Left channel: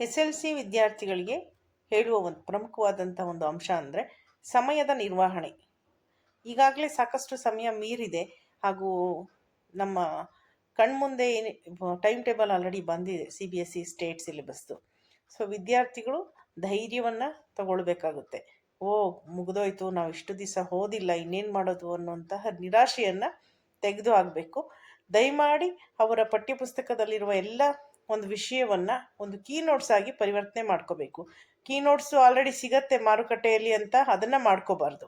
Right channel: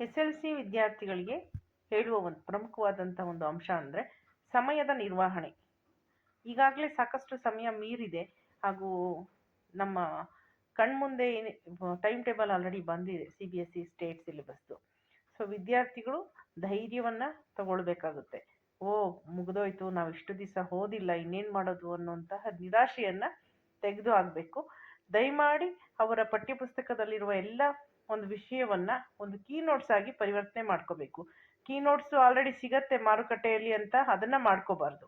SLC ವಿದ್ಯಾರ್ಥಿಗಳಿಗೆ ಹೇಳುವ ಒಂದು ಪ್ರಮುಖವಾದಂಥ ಒಂದು ಅಂಶ ಅಂದರೆ ಸಮಯದ ನಿರ್ವಹಣೆ. ಈಗಾಗಲೇ ಸಾಕಷ್ಟು ಸಮಯ ಮೀರಿದೆ ಹಾಗೂ ನಮ್ಮ ಕಣ್ಮುಂದೆ ಟೈಮ್ ಟೇಬಲ್ ಆಲ್ರೆಡಿ ಬಂದಿದೆ CBSE ಸ್ಟೇಟ್ ಸಿಲೆಬಸ್ದು. ಸೊ ವಿದ್ಯಾರ್ಥಿಗಳು ಧೈರ್ಯವನ್ನು ತಗೊಳ್ಬೇಕಾಗುತ್ತೆ. ಮುಗಿದೋಯ್ತು, ನಾವು ಇಷ್ಟು ದಿವಸ ಓದಿಲ್ಲ, ಇನ್ನೇನು ಮಾಡೋದು ಅನ್ನುವಂತಹ ನಿರಾಶೆಯನ್ನು ತೆಗೆದು ಹಾಕಬೇಕು. ದಯಮಾಡಿ ಅವರ ಪಠ್ಯಪುಸ್ತಕದಲ್ಲಿರುವ ಎಲ್ಲ ಒಂದು ವಿಷಯವನ್ನು ಒಂದು ಕೀ ನೋಟ್ಸ್ ಆಗಿ ಪರಿವರ್ತನೆ ಮಾಡ್ಕೋಬೇಕು. ಕೀ ನೋಟ್ಸು ಆಲ್ರೆಡಿ ಸಿಗತ್ತೆ ಮಾರುಕಟ್ಟೆಯಲ್ಲಿ ಅಂತ ಅದನ್ನು ಮಾಡ್ಕೋಬಾರ್ದು.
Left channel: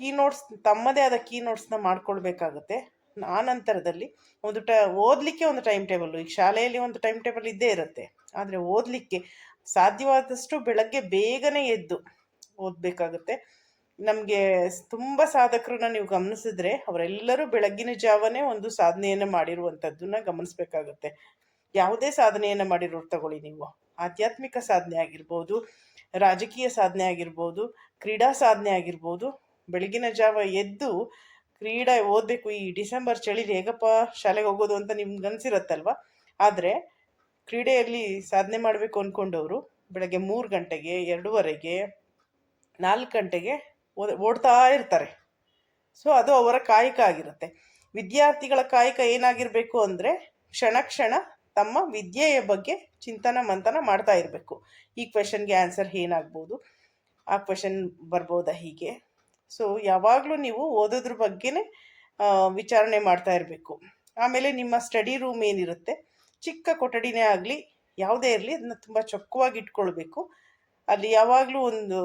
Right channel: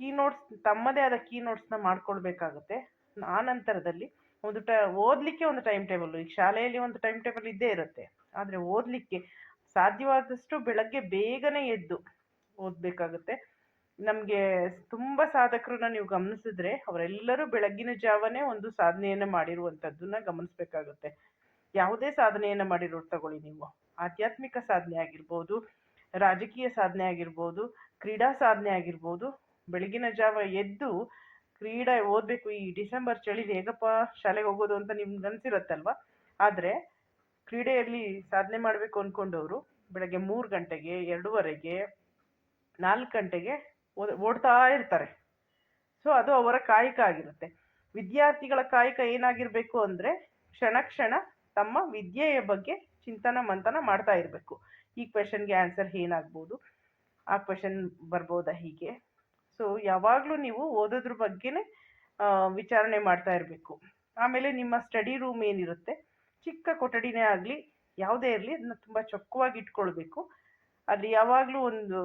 ಕೀ ನೋಟ್ಸ್ ತಮ್ಮದೇ ಆದ ಕೀ ನೋಟ್ಸ್ನ ಮಾಡ್ಕೊಳ್ಬೇಕಾಗುತ್ತೆ. ಆ ನಂತರದಲ್ಲಿ ಓದಲಿಕ್ಕೆ ಒಂದು ಟೈಮ್ ಟೇಬಲ್, ಈಗ ಶಾಲೆಯಲ್ಲಿ ಒಂದು ಟೈಮ್ ಟೇಬಲ್ ಇದ್ದೇ ಇರುತ್ತೆ, ಆದರೆ ಓದಲಿಕ್ಕೆ ಸಾಧ್ಯವಾದಷ್ಟು ಬೆಳಗ್ಗೆ ಬೇಗನೆ ಎದ್ದು ಓದಬೇಕಾಗುತ್ತೆ. ನಮಗೆ ತುಂಬ ಸಾಧಕರನ್ನ ನೀವು ಗಮನಿಸಿದ್ರೆ ಅವರೆಲ್ಲರೂ ಬೆಳಗ್ಗಿನ ಜಾವನೇ ಒಂದು ಸಾಧನೆಯನ್ನು ಮಾಡಿರುವಂಥದ್ದನ್ನ ಗಮನಿಸಬೇಕಾಗುತ್ತೆ. ಯಾವುದೇ ಸಾಧನೆಯನ್ನು ಮಾಡಿರೋರು ತಗೊಳ್ಳಿ, ನೀವು ಆಧ್ಯಾತ್ಮಿಕ ಸಾಧನೆ ಆಗಿರ್ಬೋದು, ರಾಜಕೀಯ ಸಾಧನೆ ಆಗಿರ್ಬೋದು, ಕ್ರೀಡಾ ಸಾಧನೆ ಆಗಿರ್ಬೋದು, ಬೆಳಗಿನ ಜಾವ ಎದ್ದು ಕ್ರೀಡೆ ಓದಬೇಕು. ಈ ಡಿಸೆಂಬರ್ ಚಳಿಲಿ ಹೇಗಪ್ಪ ಶಾಲೆಗೆ ಹೋಗೋದು ಅಂತ ನಿಮ್ಗೆ ಅನಿಸಿರುತ್ತಲ್ವ. ಆದರೆ ಕ್ರೀಡೆಯಲ್ಲಿ ಸಾಧನೆ ಮಾಡಬೇಕು ಅಂದ್ಕೊಂಡವರು ಬೆಳಗ್ಗೆ 3 ಗಂಟೆಗೆ, 2:30ಗೆ, 4 ಗಂಟೆಗೆ ಓಡ್ತಾ ಇರ್ತಾರೆ. ಸೊ ಅದು ಅವರ ಕಾಯಕ ಆಗಿರುತ್ತೆ. ವಿದ್ಯಾರ್ಥಿಗಳ ಕಾಯಕ ಏನಾಗಿರಬೇಕು ಅಂದರೆ ಕ್ಷಣ ಕ್ಷಣ ತಮ್ಮ ವಿದ್ಯೆಯ ಬಗ್ಗೆ ಚಿಂತನ ಮಂಥನ ಮಾಡ್ತಾ ಇರಬೇಕು. ಈ ಕ್ವೆಶನ್ಗೆ ಆನ್ಸರ್ ಏನಾಗ್ಬೋದು, ಆ ಕ್ವೆಶನ್ ಬರ್ಬೋದಾ, ಹೀಗೆ. ಸೊ ಯಾವಾಗಲೂ ನೀವು ಓದೋದ್ರ ಬಗ್ಗೆನೇ ವಿಚಾರಣೆ ಮಾಡ್ತಾ ಇರಬೇಕು. ಆಮೇಲೆ ನಿಮ್ಮ ಸ್ಟಡಿ ರೂಮ್ ಏನಿರುತ್ತೆ, ಚಿಕ್ಕ ಕೊಠಡಿನೇ ಆಗಲಿ ಯಾವುದೇ ಇರಲಿ, ಅದನ್ನ ತುಂಬ ಚೊಕ್ಕವಾಗಿ ಇಟ್ಕೊಳ್ಬೇಕು. ಅಲ್ಲಿ ಯಾವಾಗಲೂ ಒಂದು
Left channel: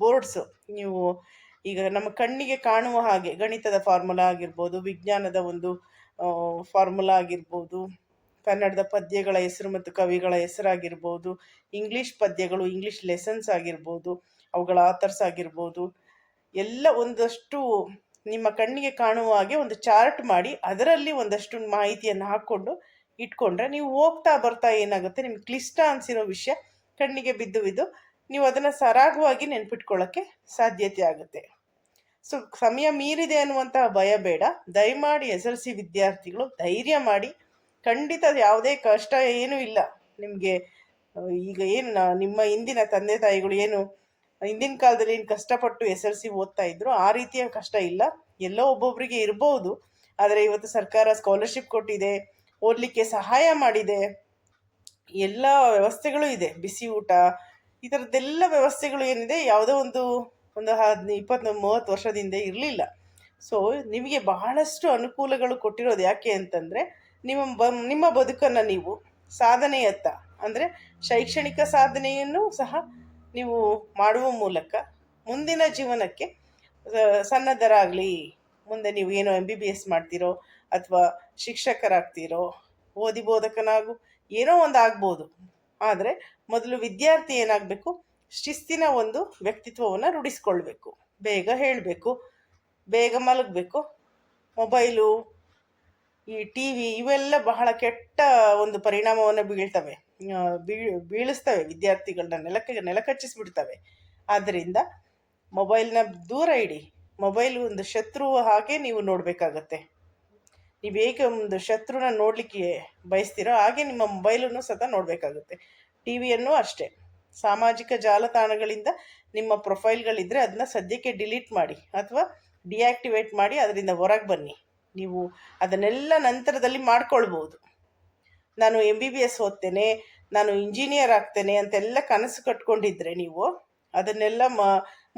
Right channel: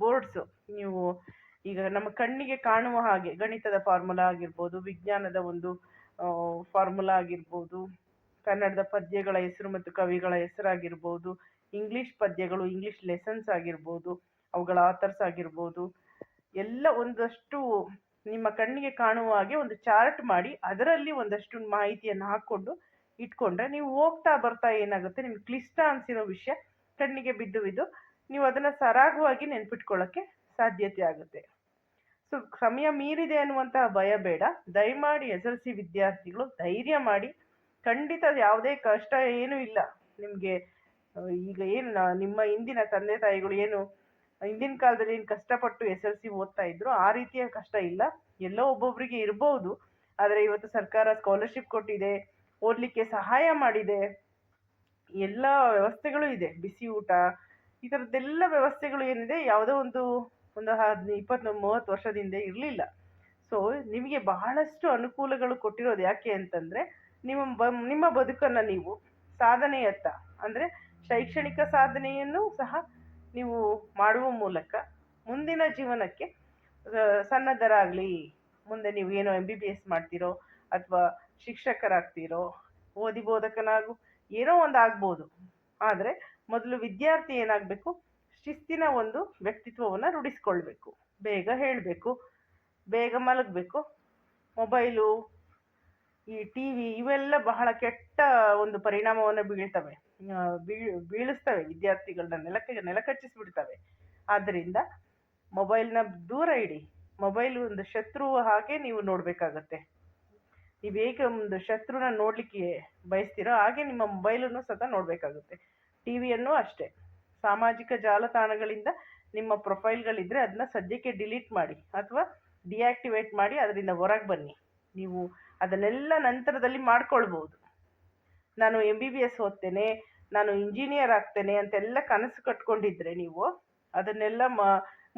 ಬೋರ್ಡ್ಸು, ನೀವು ಈಗ ನಮ್ಮ ಕಣ್ಣಿಗೆ ಕಾಣುವ ಹಾಗೆ ಗಣಿತದ ಫಾರ್ಮುಲಾ ಆಗಿರ್ಬೋದು, ವಿಜ್ಞಾನದ ಒಂದು ಫಾರ್ಮುಲಾ ಆಗಿರ್ಬೋದು, ಕನ್ನಡದ ಪದ್ಯಗಳ ಹೆಸರು ಮತ್ತು ಕವಿಗಳ ಹೆಸರಾಗಿರ್ಬೋದು, ಇಂಗ್ಲೀಷ್ ಪದ್ಯಗಳು, ಇಂಗ್ಲೀಷ್ ಲೆಸನ್ಸ್ ಆಗಿರ್ಬೋದು, ಅವುಗಳ ಆಥರ್ಸ್ ಆಗಿರ್ಬೋದು, ಎಲ್ಲ ಒಂದಷ್ಟು ನಿಮ್ಮ ಕಣ್ಣಿಗೆ ಕಾಣುವ ಹಾಗೆ ಒಂದು ಚಾರ್ಟ್ ಮಾಡಿ ಅದರಲ್ಲಿ ಒಂದಷ್ಟು ಮಾಹಿತಿಯನ್ನು ಹಾಕ್ಕೊಂಡು ಇಟ್ಕೊಂಡ್ರೆ ನೀವು ಹೋಗ್ತಾ ಬರ್ತಾ ಏನಾಗುತ್ತೆ, ನಿಮ್ಗೆ ಕ್ಲಿಷ್ಟ ಅನಿಸಿರೋ ವಿಷಯ ಕಣ್ಣಿಗೆ ಬಿದ್ದು ನೀವು ಅದನ್ನು ಸರಾಗವಾಗಿ ನೆನ್ಪಿಟ್ಕೊಳ್ಳೋಕ್ಕೆ ಸಾಧ್ಯತೆ ಆಗುತ್ತೆ. ಸೊ ಸಮಯ ಮೀರಿದೆ ಅನ್ನುವಂತಹ ಭಯ ಬೇಡ. ದಯಮಾಡಿ SLC ವಿದ್ಯಾರ್ಥಿಗಳು ಧೈರ್ಯ ಮಾಡಿ, ಖಂಡಿತ ಯಾವುದೇ ಕಷ್ಟ ಏನೂ ಇಲ್ಲ ನಿಮಗೆ. ಈಗ ಏನು ನಿಮ್ಮ ಹಿಂದಿನ ತಂದೆ ತಾಯಿಗಳು ಏನು ಹಿಂದಿನ ಕಾಲದಲ್ಲಿ ಏನು ಕಷ್ಟಪಟ್ಟು SLC ಓದ್ತಾ ಇದ್ರು, ಆ ರೀತಿಯ ಕಷ್ಟ ಇಲ್ಲ. ಎಲ್ಲೋ ಒಬ್ಬೊಬ್ಬರಿಗೆ ಇರ್ಬೋದು, ಆದರೆ ಇವತ್ತು ಸರ್ಕಾರ ಸ್ಕಾಲರ್ಶಿಪ್ ಕೊಟ್ಟಿದೆ, ಓದಲಿಕ್ಕೆ ಸಹಾಯ ಮಾಡಿದೆ, ಎಲ್ಲ ವ್ಯವಸ್ಥೆಗಳು ಇದೆ, ಬಿಸಿ ಊಟ, ಈ ಥರದ್ದೆಲ್ಲ ವ್ಯವಸ್ಥೆಗಳು ಏನಿದೆ ಯಾವುದೋ ಒಂದು 20-30 ವರ್ಷದಿಂದ ಇರಲಿಲ್ಲ. ಸೊ ನಿಮಗೆ ಬಹಳಷ್ಟು ಅನುಕೂಲಗಳು ಕೊಟ್ಟಿರೋದು ಯಾಕೆ ಅಂತಂದರೆ ನಿಮ್ಮ ಬದುಕನ್ನು ನೀವು ಸಾಧನೆಯತ್ತ, ಅಂದರೆ ಶೈಕ್ಷಣಿಕ ಸಾಧನೆಯನ್ನು ಸಹ ನೀವು ಮಾಡುವ ಮೂಲಕ ಮುಂದಿನ ಜೀವನಕ್ಕೆ ಸನ್ನದ್ಧರಾಗಲಿ. ಮುಂದೆ ನೀವು ಏನೋ MBBS ಮಾಡ್ತೀರೋ ಅಥವಾ ಶಿಕ್ಷಕರಾಗ್ತೀರೋ, ಬೋಧಕನಾಗು, ಏನೋ ಒಂದು ಆಗ್ಬೋದು. ಆದರೆ ಮೊದಲು ವಿದ್ಯಾರ್ಥಿ ಏನಾಗಬೇಕು, ಶಿಸ್ತಿನ ಒಂದು ವ್ಯಕ್ತಿತ್ವವನ್ನು ರೂಢಿಸ್ಕೊಳ್ಬೇಕು. ಬೇಗ ಹೇಳಬೇಕು, ಬೇಗ ಮಲಗಬೇಕು. ಮೊಬೈಲು, ಈ TV ಇವೆಲ್ಲ ಬಹಳ ಕೆಟ್ಟ ಒಂದು ಪರಿಣಾಮವನ್ನು ಬೀಳಿಸ್ತವೆ, ವಿದ್ಯಾರ್ಥಿಗಳನ್ನ ನೆಲಕಚ್ಚಿಸ್ಬಿಡ್ತವೆ. ಆದ್ದರಿಂದ ಮೊಬೈಲ್ನ ದೂರ ಇಡಿ. ಮೊಬೈಲ್ ಒಂದು ಶತ್ರು ಹಾಗೆ ನೀವು ನೋಡಬೇಕಾಗತ್ತೆ. ನೀವು ಹೇಗೆ ಒಂದು ಶತ್ರುನ ನೋಡಲಿಕ್ಕೆ ಬಯಸ್ತೀರೋ ಹಾಗೆ ನಿಮ್ಮ ಮೊಬೈಲನ್ನು ಸಹ ನೋಡಬೇಕಾಗುತ್ತೆ. TVಯನ್ನು ಅಷ್ಟೇ. ಸಾಮಾಜಿಕ ಜಾಲತಾಣಗಳಿಂದ ನಿಮ್ಮ ಪ್ರೊಫೈಲ್ಗಳಿದ್ದರೆ ಅದನ್ನ ಸದ್ಯಕ್ಕೆ ಡಿಲೀಟ್ ಮಾಡಿ ಅಥವಾ ಡಿಆಕ್ಟಿವೇಟ್ ಮಾಡಿ ಅದರಿಂದ ಹೊರಗೆ ಬನ್ನಿ. ನೀವು ಅದನ್ನೆಲ್ಲ ನಂತರದಲ್ಲಿ ಮಾಡ್ಕೊಳ್ಬೋದು. ನಾನು MBBS ಓದ್ತೇನೆ, ನಾನು ಇಂಜಿನಿಯರ್ ಆಗ್ತೇನೆ ಅಂತೆಲ್ಲ ಕನಸು ಕಟ್ಕೊಂಡಿದ್ರೆ ನೀವು ಅದನ್ನೆಲ್ಲ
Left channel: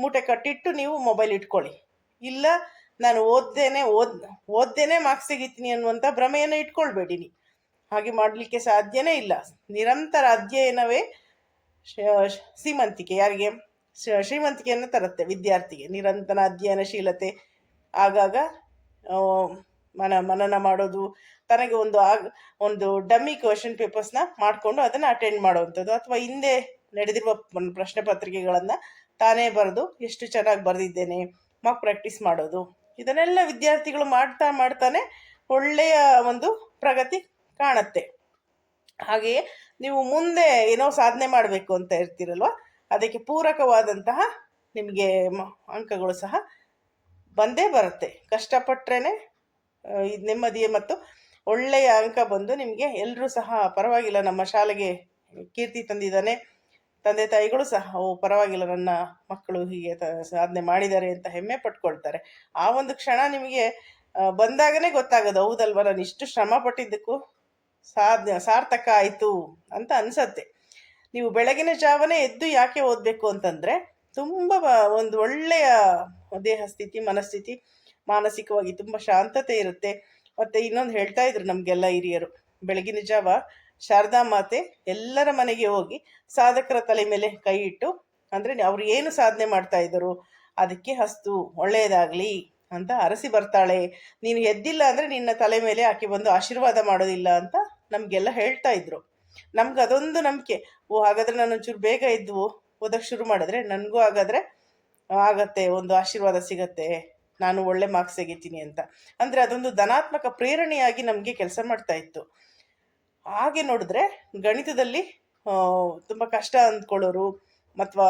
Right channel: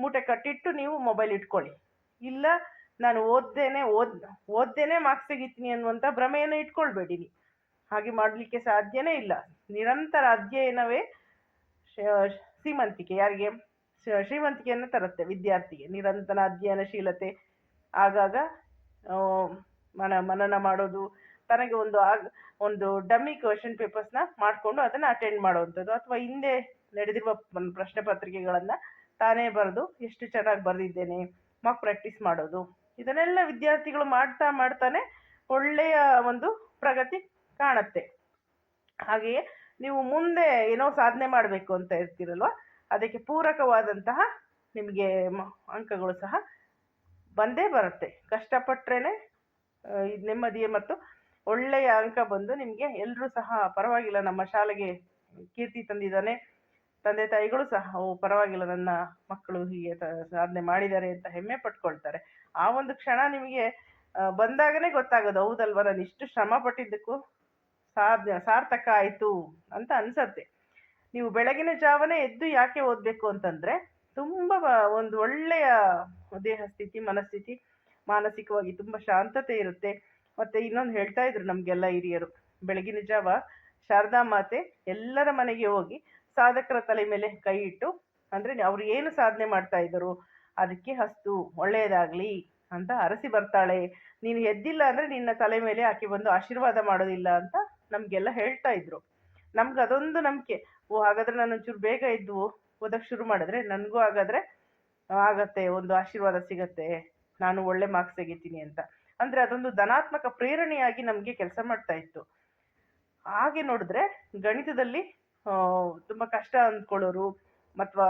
ಮೂಟೆ ಕಟ್ಟಿಟ್ಟು ನೀವು ಮೊಬೈಲ್ ಇಟ್ಕೊಳ್ಳಿ. ಇಲ್ಲ, ನಾನು ಓದ್ದೇನೆ ಮಾರ್ಕ್ಸ್ ತೆಗಿತೀನಿ ಅನ್ನುವಂಥ ಭ್ರಮೆಯನ್ನು ಇಟ್ಕೊಳ್ಬೇಡಿ. ಹಾಗೆ ಮಾಡಲಿಕ್ಕೆ ಸಾಧ್ಯನೇ ಇಲ್ಲ. ನಿರಂತರ ಅಧ್ಯಯನವೇ ಶ್ರೀಮಂತಿಕೆ. ಯಾರಿಗೆ ಶ್ರೀಮಂತಿಕೆಯನ್ನು ತರುತ್ತೆ? ವಿದ್ಯಾರ್ಥಿಗೆ. ನಿರಂತರ ಅಧ್ಯಯನಶೀಲತೆ, ಆಗಾಗ ಮನನ ಮಾಡೋದು, ತನಗೆ ಒಂದು ಡಮ್ಮಿ ಕ್ವೆಶನ್ ಪೇಪರ್ಸ್ನ ಮಾಡಿಕೊಂಡು ಅದನ್ನು ಅಟೆಂಡ್ ಮಾಡುವಂಥದ್ದು, ಅಥವಾ ಹಿಂದೆ ನಡೆದಿರುವ ಪ್ರಶ್ನೆ ಪತ್ರಿಕೆಗಳನ್ನು ತಾನೇ ಬರೆದು ಎಷ್ಟು ಚೆನ್ನಾಗಿ ಬರೆದಿದ್ದೇನೆ ಮಾಕ್ ಪ್ರಾಕ್ಟೀಸ್ ಮಾಡೋದು. ಇದನ್ನೆಲ್ಲ ವಿದ್ಯಾರ್ಥಿಗಳು ಮಾಡ್ತಾನೆ ಒಳ್ಳೆಯ ಒಂದು ಪ್ರಗತಿ ಕಾಣುತ್ತೆ. ಹಾಗೆಯೇ ನೀವು ಮುಂದೆ ಏನೋ ಸಾಧನೆ ಮಾಡಬೇಕು ಅಂತ ಇರ್ತೀರಲ್ವ, ಅದಕ್ಕೆ ಪೂರಕವಾದಂತಹ ನಿಮಗೆ ಅಂಕಗಳು ಸಹ ಬಂದೇ ಬರುತ್ತೆ. ಕಷ್ಟಪಟ್ಟರೆ ಇದು ನೆಮ್ಮದಿ ಮತ್ತು ಒಳ್ಳೆಯ ಅಂಕ ಬಂದು ನಿಮಗೆ ಎಲ್ಲರೂ ಸಹ ಪರವಾಗಿಲ್ಲ, ನಮ್ಮ ಶಾಲೆಗೆ ಕೀರ್ತಿ ತಂದಿದ್ದಾನೆ, ತಂದೆ ತಾಯಿಗಳು ಸಹ ಓ ಪರವಾಗಿಲ್ಲ ನನ್ನ ಮಕ್ಕಳು ಹೀಗೆ ಸಾಧನೆ ಮಾಡಿದ್ದಾರೆ ಅಂತ ಹೆಮ್ಮೆ ಪಟ್ಕೊಳ್ತಾರೆ. ಆ ಒಂದು ಕ್ಷಣ ನಿಮಗೆ ಬಂದಾಗನೇ ಗೊತ್ತಾಗೋದು, ಹೌದಲ್ವ ನಾನು ಇಷ್ಟು ಶ್ರಮ ಪಟ್ಟಿದ್ದಕ್ಕೂ ಸಾರ್ಥಕ ಆಯಿತು ಅಂತ ಅನ್ಸತ್ತೆ. ನೀವು ಬೆಳಗಿನ ಜಾವನೇ ಎದ್ದು ಯಾಕೆ ಓದಬೇಕು ಅಂತಂದರೆ, ತುಂಬ ಒಂದು ಒಳ್ಳೆಯ ದೇಹ ಸ್ಥಿತಿ, ಮನಸ್ಥಿತಿ, ಮಾನಸಿಕವಾಗಿ ತುಂಬ ಶಾಂತತೆ ಇರುತ್ತೆ. ಮತ್ತು ಇನ್ನೊಂದು ಹೇಳ್ತಾ ಇದ್ರು ನಮಗೆಲ್ಲ ಹಿರಿಯರು, ಬೆಳಗಿನ ಜಾವ ಶಾರದಾ ಮಾತೆ ಎಲ್ಲರ ಮನೆಗೆ ಹೋಗಿ ಸಾಧಕರ ತಲೆ ಮೇಲೆ ಕೈ ಇಟ್ಟು, ಅಂದರೆ ಅವ್ರು ಏನು ಸಾಧನೆ ಮಾಡ್ತಾ ಇದ್ದರು ಅದಕ್ಕೆ ಹಸ್ತು ಒಳ್ಳೆಯದಾಗಲಿ ಅಂತ ಅರಸಿ ಬರ್ತಾಳೆ, ನೀನು ಎದ್ದಿಲ್ಲ ಅಂದರೆ ನಿನ್ನ ತಲೆ ಮೇಲೆ ಆಕೆ ಬಂದು ಆಶೀರ್ವಾದ ಮಾಡೋದಿಲ್ಲ ಅಂತ ನಮಗೆಲ್ಲ ಹೇಳ್ತಾ ಇದ್ರು. ನಮ್ಗೆ ಅದೊಂದು ನಂಬಿಕೆ, ಓ ಹಾಗಾದರೆ ನಾನು ಒಂಚೂರು ಬೇಗ ಎದ್ದು ಓದಕ್ಕೆ ಶುರು ಮಾಡಿದ್ರೆ ನನಗೂ ಹಾಗಾದರೆ ಆಗತ್ತೆ, ಒಂದು ಆಶೀರ್ವಾದ ಸಿಗತ್ತೆ, ನಾನು ಒಳ್ಳೆ ಮಾರ್ಕ್ಸ್ ತೆಗಿತೀನಿ ಅಂತ. ಅಂದರೆ ಅದೊಂದು ಧನಾತ್ಮಕ ಪ್ರೇರಣೆಯಾಗಿ ನಮಗೆ ಕೆಲಸ ಮಾಡ್ತಾ ಇತ್ತು. ಹಾಗೆ ನೋಡಿದ್ರೆ ಗಣಿತದಲ್ಲಿ ತುಂಬ ಕಷ್ಟ ಅಂದ್ಕೊಳ್ಳೋರು, ಅಥವಾ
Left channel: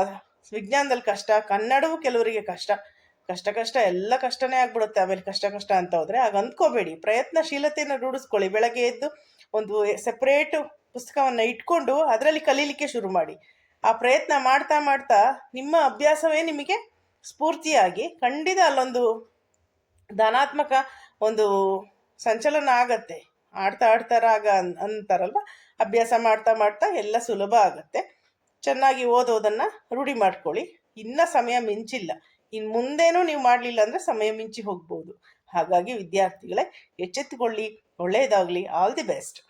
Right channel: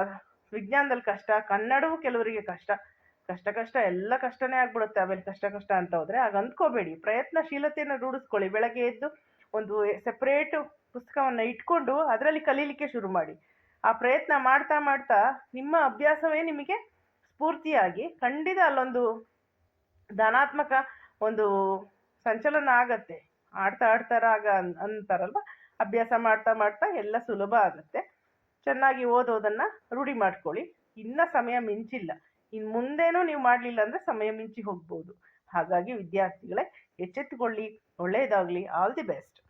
ವಿಜ್ಞಾನದಲ್ಲಿ ಕಷ್ಟ, ಕನ್ನಡವೂ ಕೆಲವರಿಗೆ ಕಷ್ಟ ಎಲ್ಲ ಕಷ್ಟನೇ ಆಗ್ಬಿಡುತ್ತೆ. ಆಮೇಲೆ ಕಷ್ಟ ಅಂತ ಹೋದರೆ ಆಗ ಅಂದ್ಕೋಬೇಡಿ, ಪ್ರಯತ್ನಶೀಲತೆಯನ್ನು ರೂಢಿಸ್ಕೊಳ್ಳಿ. ಬೆಳಗ್ಗೆ ಎದ್ದು ಒಂದು ಸೆಪ್ರೇಟು ಪುಸ್ತಕವನ್ನು ಇಟ್ಕೊಂಡು ಅದರಲ್ಲಿ ಕಲೀಲಿಕ್ಕೆ ಶುರು ಮಾಡಿ. ಆ ಪ್ರಯತ್ನ ಮಾಡ್ತಾ ಮಾಡ್ತಾ ನಿಮ್ಮ ಅಭ್ಯಾಸವೇ ನಿಮಗೆ ಸ್ಫೂರ್ತಿಯಾಗಿ ಖಂಡಿತ ಅಲ್ಲೊಂದು ಧನಾತ್ಮಕ ಒಂದು ಸಂಚಲನ ಆಗತ್ತೆ. ಆಡ್ತಾ ರಾಗ ಅಂತಾರಲ್ವ, ಅಭ್ಯಾಸ ಮಾಡ್ತಾ ಮಾಡ್ತಾ ಎಲ್ಲ ಸುಲಭ ಆಗತ್ತೆ. ಚೆನ್ನಾಗಿ ಓದೋದನ್ನು ರೂಢಿ ಮಾಡ್ಕೊಳ್ಳಿ. ಇನ್ನೂ ಸಮಯ ಮಿಂಚಿಲ್ಲ, ಇನ್ನು ಮುಂದೇನೂ ನೀವು ಮಾಡಲಿಲ್ಲ ಅಂದರೆ ಸಮಯ ಮಿಂಚಿ ಹೋಗ್ಬೋದು. ಹಾಗಾಗಿ ವಿದ್ಯಾರ್ಥಿಗಳೇ ಎಚ್ಚೆತ್ತುಕೊಳ್ಳಿ, ಒಳ್ಳೆಯದಾಗಲಿ, ಆಲ್ ದಿ ಬೆಸ್ಟ್.